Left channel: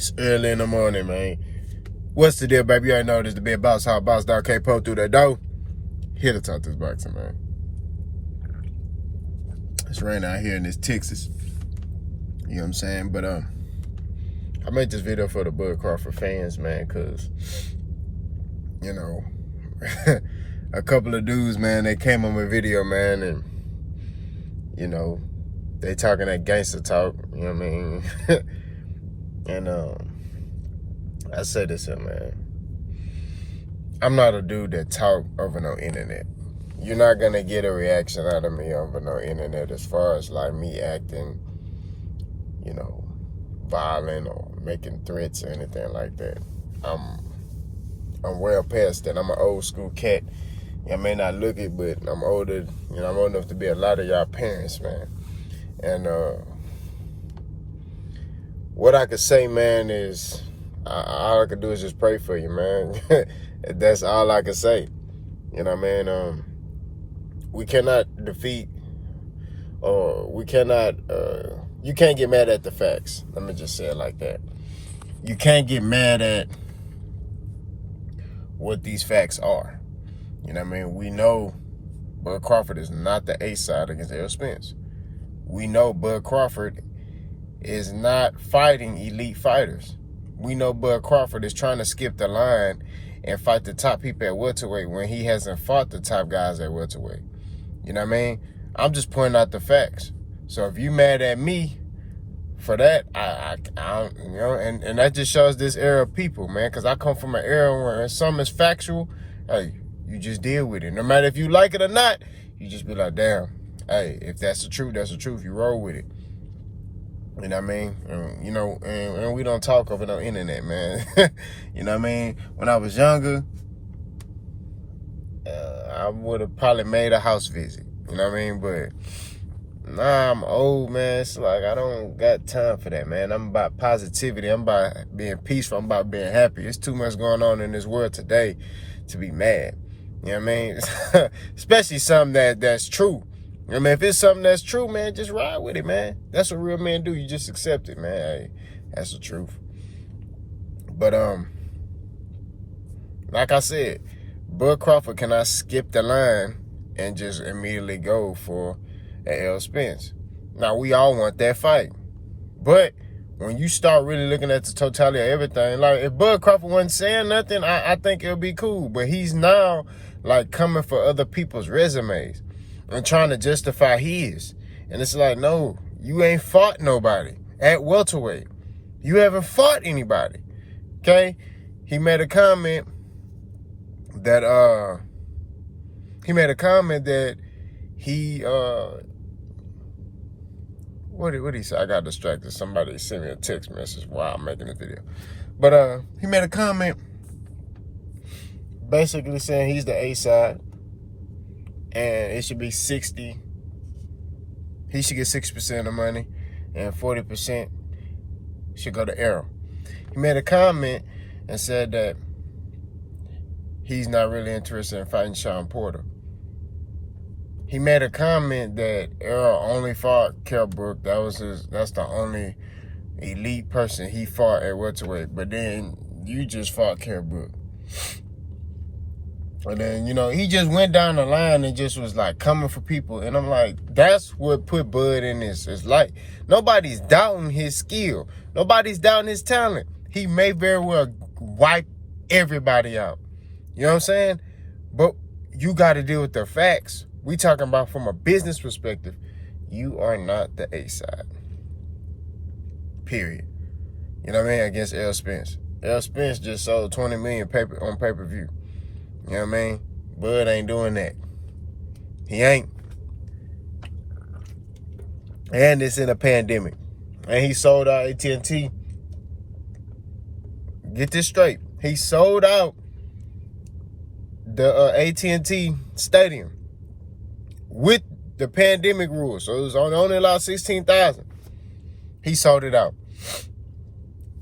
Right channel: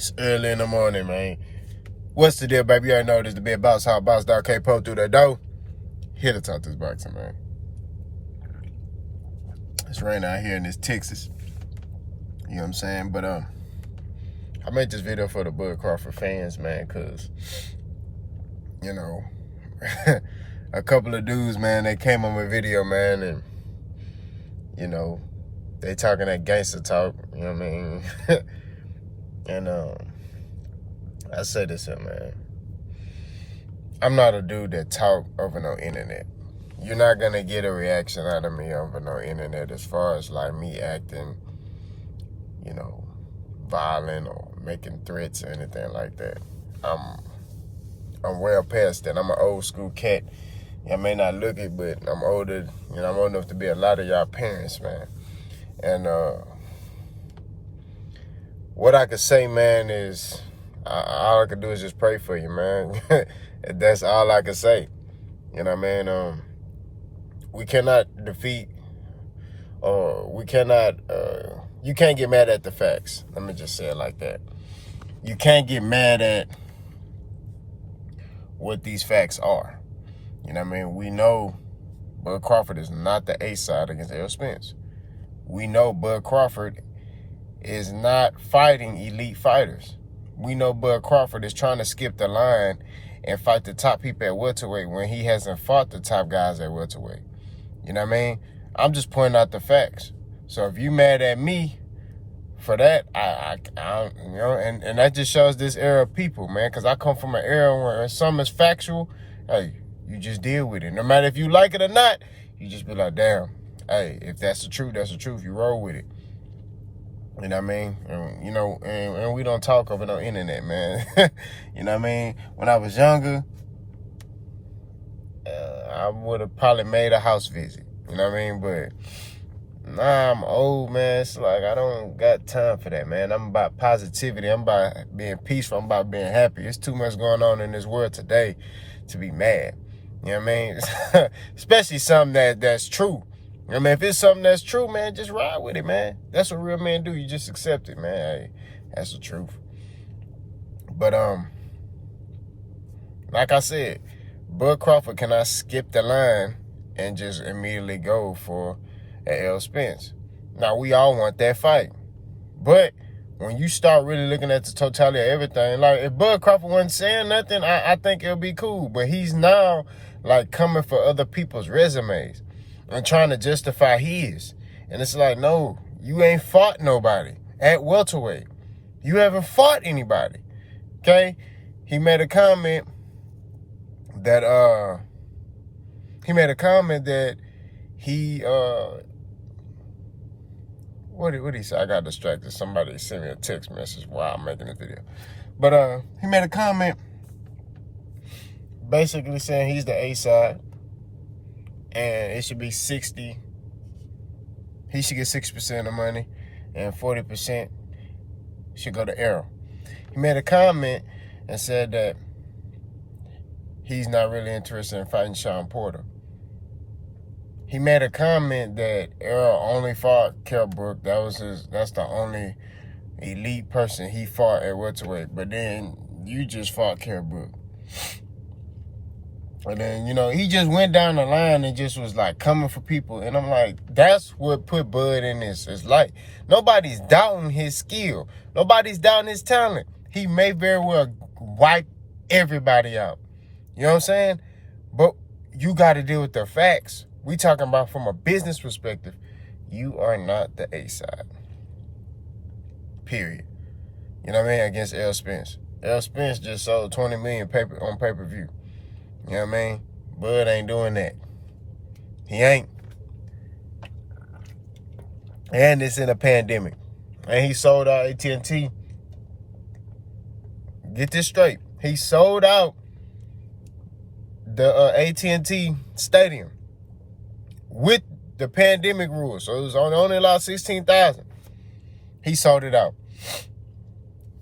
It's early in the morning, man. What's the deal, baby? You already know this the big boss, how boss dog can't pull through that door. Here to talk this boxing, man. It's raining out here in this Texas. You know what I'm saying? But I made this video for the Bud Crawford fans, man, because, you know, a couple of dudes, man, they came on my video, man, and, you know, they talking that gangster talk, you know what I mean? And I said this here, man. I'm not a dude that talk over no internet. You're not gonna get a reaction out of me over no internet as far as like me acting, you know, violent or making threats or anything like that. I'm well past that. I'm an old school cat. I may not look it, but I'm older, you know, I'm old enough to be a lot of y'all parents, man. And what I could say, man, is all I could do is just pray for you, man. That's all I could say. You know what I mean? We cannot defeat, or we cannot, you can't get mad at the facts. Let me just say it like that. You can't get mad at what these facts are. You know what I mean? We know Bud Crawford is not the A side against Errol Spence. We know Bud Crawford is not fighting elite fighters. We know Bud Crawford is trying to skip the line and fight the top people at welterweight when he hasn't fought the top guys at welterweight. You know what I mean? I'm just pointing out the facts. So if you mad at me for that, I don't, you know, and that just shows this era of people, man, because I come from an era where something is factual, hey, you just deal with it. No matter if you like it or not, you just be like, damn, hey, if that's the truth, that's the truth. You roll with it. You know what I mean? You know, and we don't talk over no internet, man. You know what I mean? When I was younger, I would have probably made a house visit. You know what I mean? But nah, I'm old, man. It's like I don't got time for that, man. I'm about positivity. I'm about being peaceful. I'm about being happy. There's too much going on in this world today to be mad. You know what I mean? Especially something that's true. I mean, if it's something that's true, man, just ride with it, man. That's what real men do. You just accept it, man. Hey, that's the truth. But like I said, Bud Crawford cannot skip the line and just immediately go for an Errol Spence. Now, we all want that fight. But when you start really looking at the totality of everything, like if Bud Crawford wasn't saying nothing, I think it'll be cool. But he's now like coming for other people's resumes and trying to justify his. And it's like, no, you ain't fought nobody at welterweight. You haven't fought anybody, okay? He made a comment that, what did he say? I got distracted. Somebody sent me a text message while I'm making this video. But he made a comment basically saying he's the A side. And it should be 60. He should get 60% of the money, and 40% should go to Errol. He made a comment and said that he's not really interested in fighting Sean Porter. He made a comment that Errol only fought Kell Brook. That's the only elite person he fought at welterweight. But then you just fought Kell Brook. And then, you know, he just went down the line and just was like coming for people. And I'm like, that's what put Bud in this. It's like nobody's doubting his skill. Nobody's doubting his talent. He may very well wipe everybody out. You know what I'm saying? But you got to deal with the facts. We talking about from a business perspective. You are not the A side. Period. You know what I mean? Against Errol Spence. Errol Spence just sold 20 million on pay-per-view. You know what I mean? Bud ain't doing that. He ain't. And it's in a pandemic. And he sold out AT&T. Get this straight. He sold out the AT&T stadium with the pandemic rules. So it was only allowed 16,000. He sold it out.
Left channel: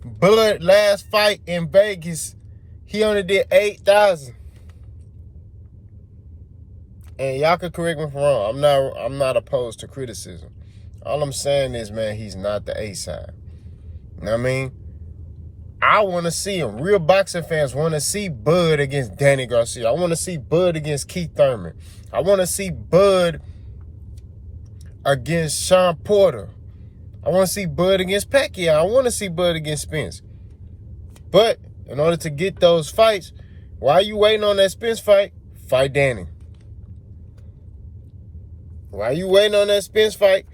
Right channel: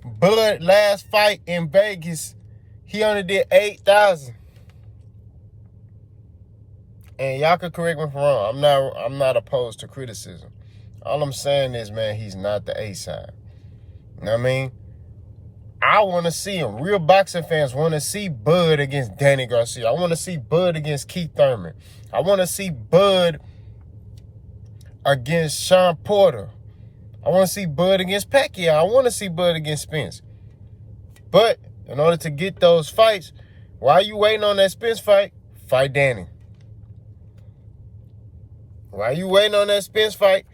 Bud last fight in Vegas, he only did 8,000. And y'all can correct me if I'm wrong. I'm not opposed to criticism. All I'm saying is, man, he's not the A side. You know what I mean? I want to see him. Real boxing fans want to see Bud against Danny Garcia. I want to see Bud against Keith Thurman. I want to see Bud against Sean Porter. I want to see Bud against Pacquiao. I want to see Bud against Spence. But in order to get those fights, while you waiting on that Spence fight, fight Danny. While you waiting on that Spence fight,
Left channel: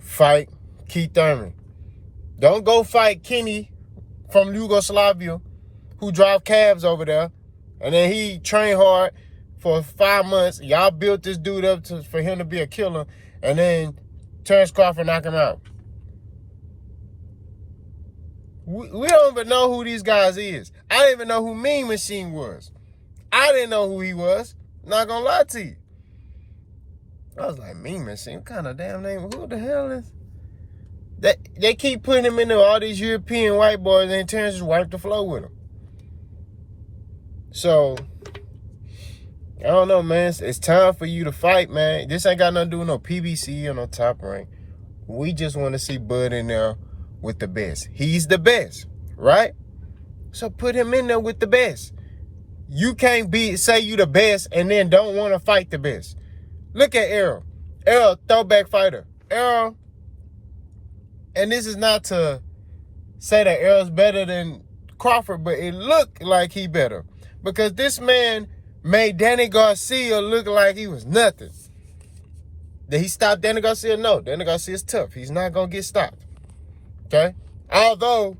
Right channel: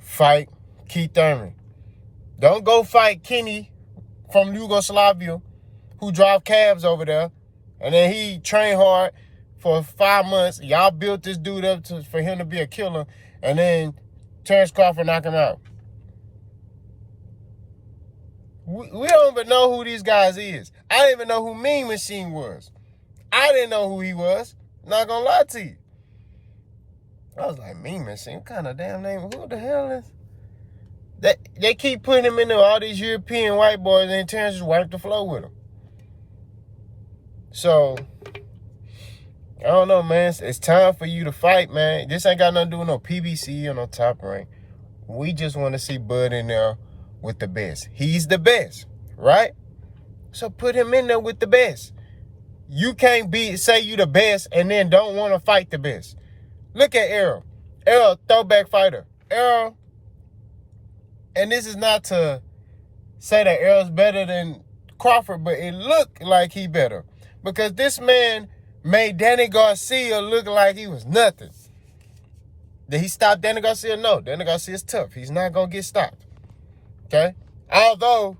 fight Keith Thurman. Don't go fight Kenny from Yugoslavia who drive cabs over there. And then he trained hard for 5 months. Y'all built this dude up for him to be a killer. And then Terrence Crawford knock him out. We don't even know who these guys is. I didn't even know who Mean Machine was. I didn't know who he was. Not gonna lie to you. I was like, Mean Machine? What kind of damn name? Who the hell is... They keep putting him into all these European white boys, and Terrence just wiped the floor with them. So, I don't know, man. It's time for you to fight, man. This ain't got nothing to do with no PBC or no Top Rank. We just want to see Bud in there with the best. He's the best, right? So put him in there with the best. You can't say you the best and then don't want to fight the best. Look at Errol. Errol, throwback fighter. Errol. And this is not to say that Errol's better than Crawford, but it looked like he better. Because this man made Danny Garcia look like he was nothing. Did he stop Danny Garcia? No. Danny Garcia's tough. He's not going to get stopped. Okay? Although,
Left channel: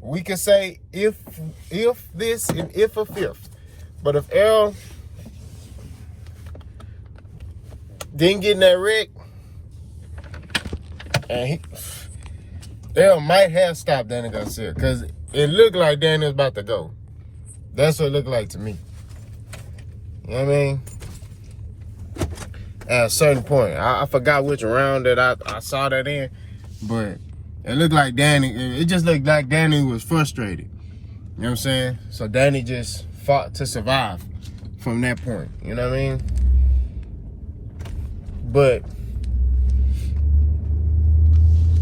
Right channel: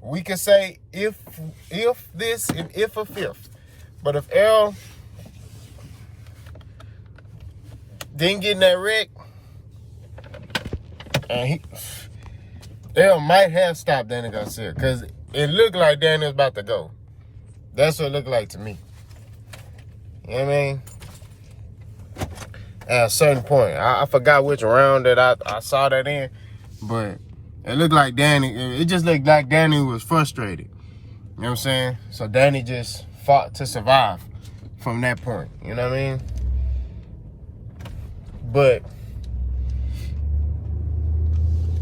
we could say if this and if a fifth. But if Errol didn't get in that wreck, and Errol might have stopped Danny Garcia because it looked like Danny was about to go. That's what it looked like to me. You know what I mean? At a certain point. I forgot which round that I saw that in, but it looked like Danny, it just looked like Danny was frustrated. You know what I'm saying? So Danny just fought to survive from that point. You know what I mean? But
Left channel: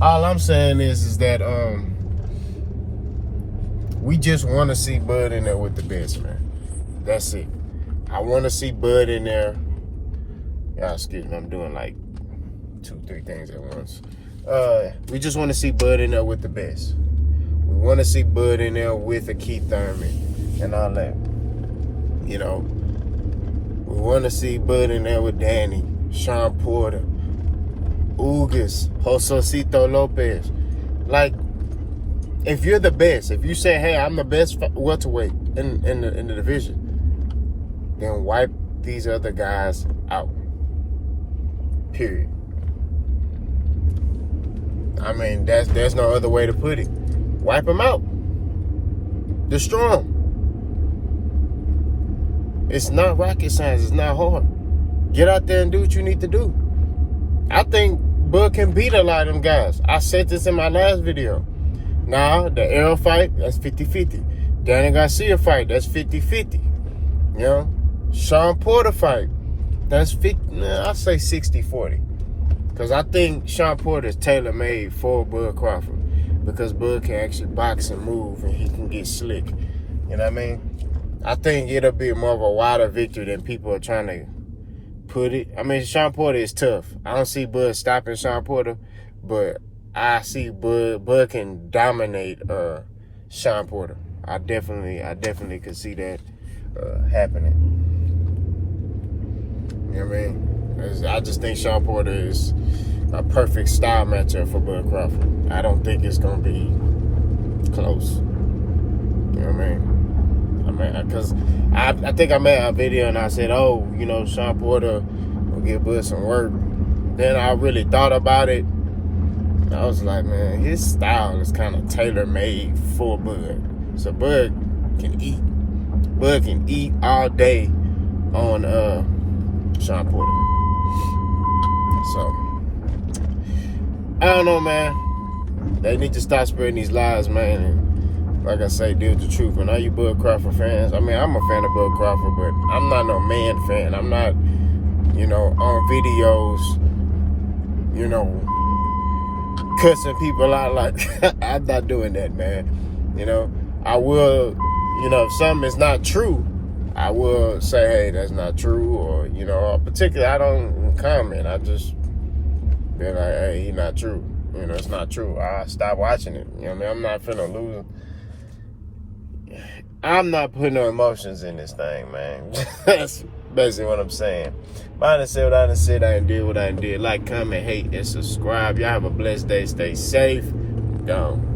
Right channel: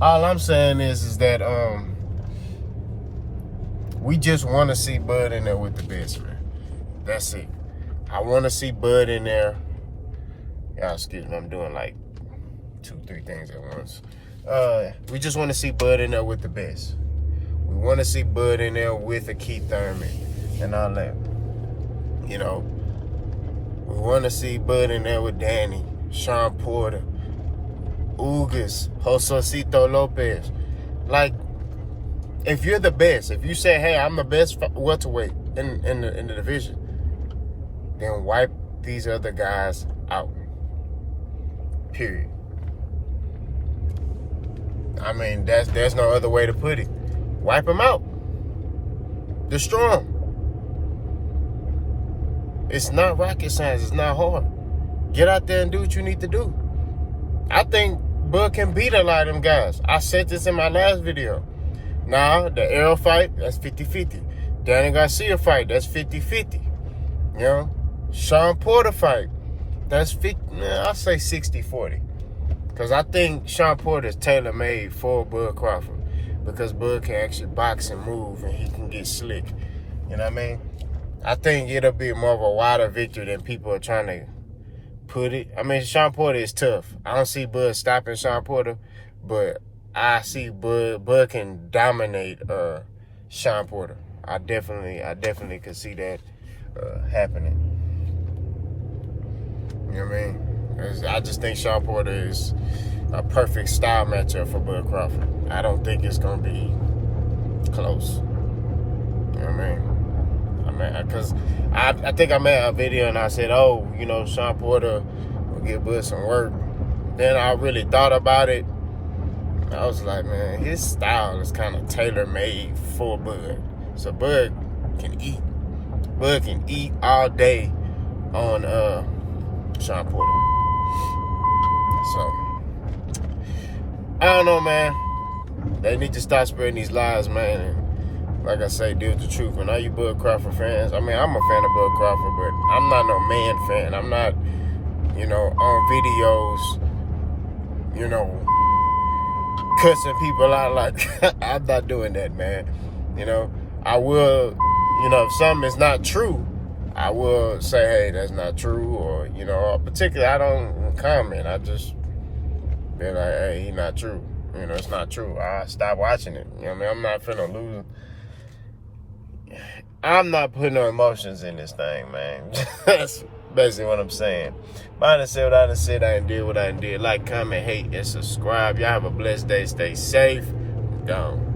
all I'm saying is that we just want to see Bud in there with the best, man. That's it. I want to see Bud in there. Y'all excuse me, I'm doing like 2-3 things at once. We just want to see Bud in there with the best. We want to see Bud in there with a Keith Thurman and all that. We want to see Bud in there with Danny, Sean Porter, Ugas, Josecito Lopez. Like, if you're the best, if you say, hey, I'm the best welterweight in the division, then wipe these other guys out. Period. I mean, there's no other way to put it. Wipe them out. Destroy them. It's not rocket science. It's not hard. Get out there and do what you need to do. I think Bud can beat a lot of them guys. I said this in my last video. Now, the Errol fight, that's 50-50. Danny Garcia fight, that's 50-50. Sean Porter fight, that's 50. I'll say 60-40. Because I think Sean Porter is tailor-made for Bud Crawford. Because Bud can actually box and move, and he can get slick. You know what I mean? I think it'll be more of a wider victory than people are trying to put it. I mean, Sean Porter is tough. I don't see Bud stopping Sean Porter, but I see Bud can dominate Sean Porter. I definitely could see that happening. You know what I mean? 'Cause I just think Sean Porter is a perfect style matchup for Bud Crawford. I don't think it's gonna be close. You know what I mean? Because I think I made a video and I said, oh, Sean Porter will give Bud some work. Then I really thought about it. I was like, man, his style is kind of tailor-made for Bud. So Bud can eat. Bud can eat all day on Sean Porter. So, I don't know, man. They need to stop spreading these lies, man. And like I say, deal with the truth. And all you Bud Crawford fans, I mean, I'm a fan of Bud Crawford, but I'm not no man fan. I'm not, on videos, cussing people out. Like, I'm not doing that, man. You know, I will, you know, if something is not true, I will say, hey, that's not true. Or, you know, particularly, I don't comment. I just be like, hey, he not true. You know, it's not true. I stop watching it. You know what I mean? I'm not finna lose. I'm not putting no emotions in this thing, man. That's basically what I'm saying. I done said what I done said. I done did what I did. Like, comment, hate, and subscribe. Y'all have a blessed day. Stay safe. Gone.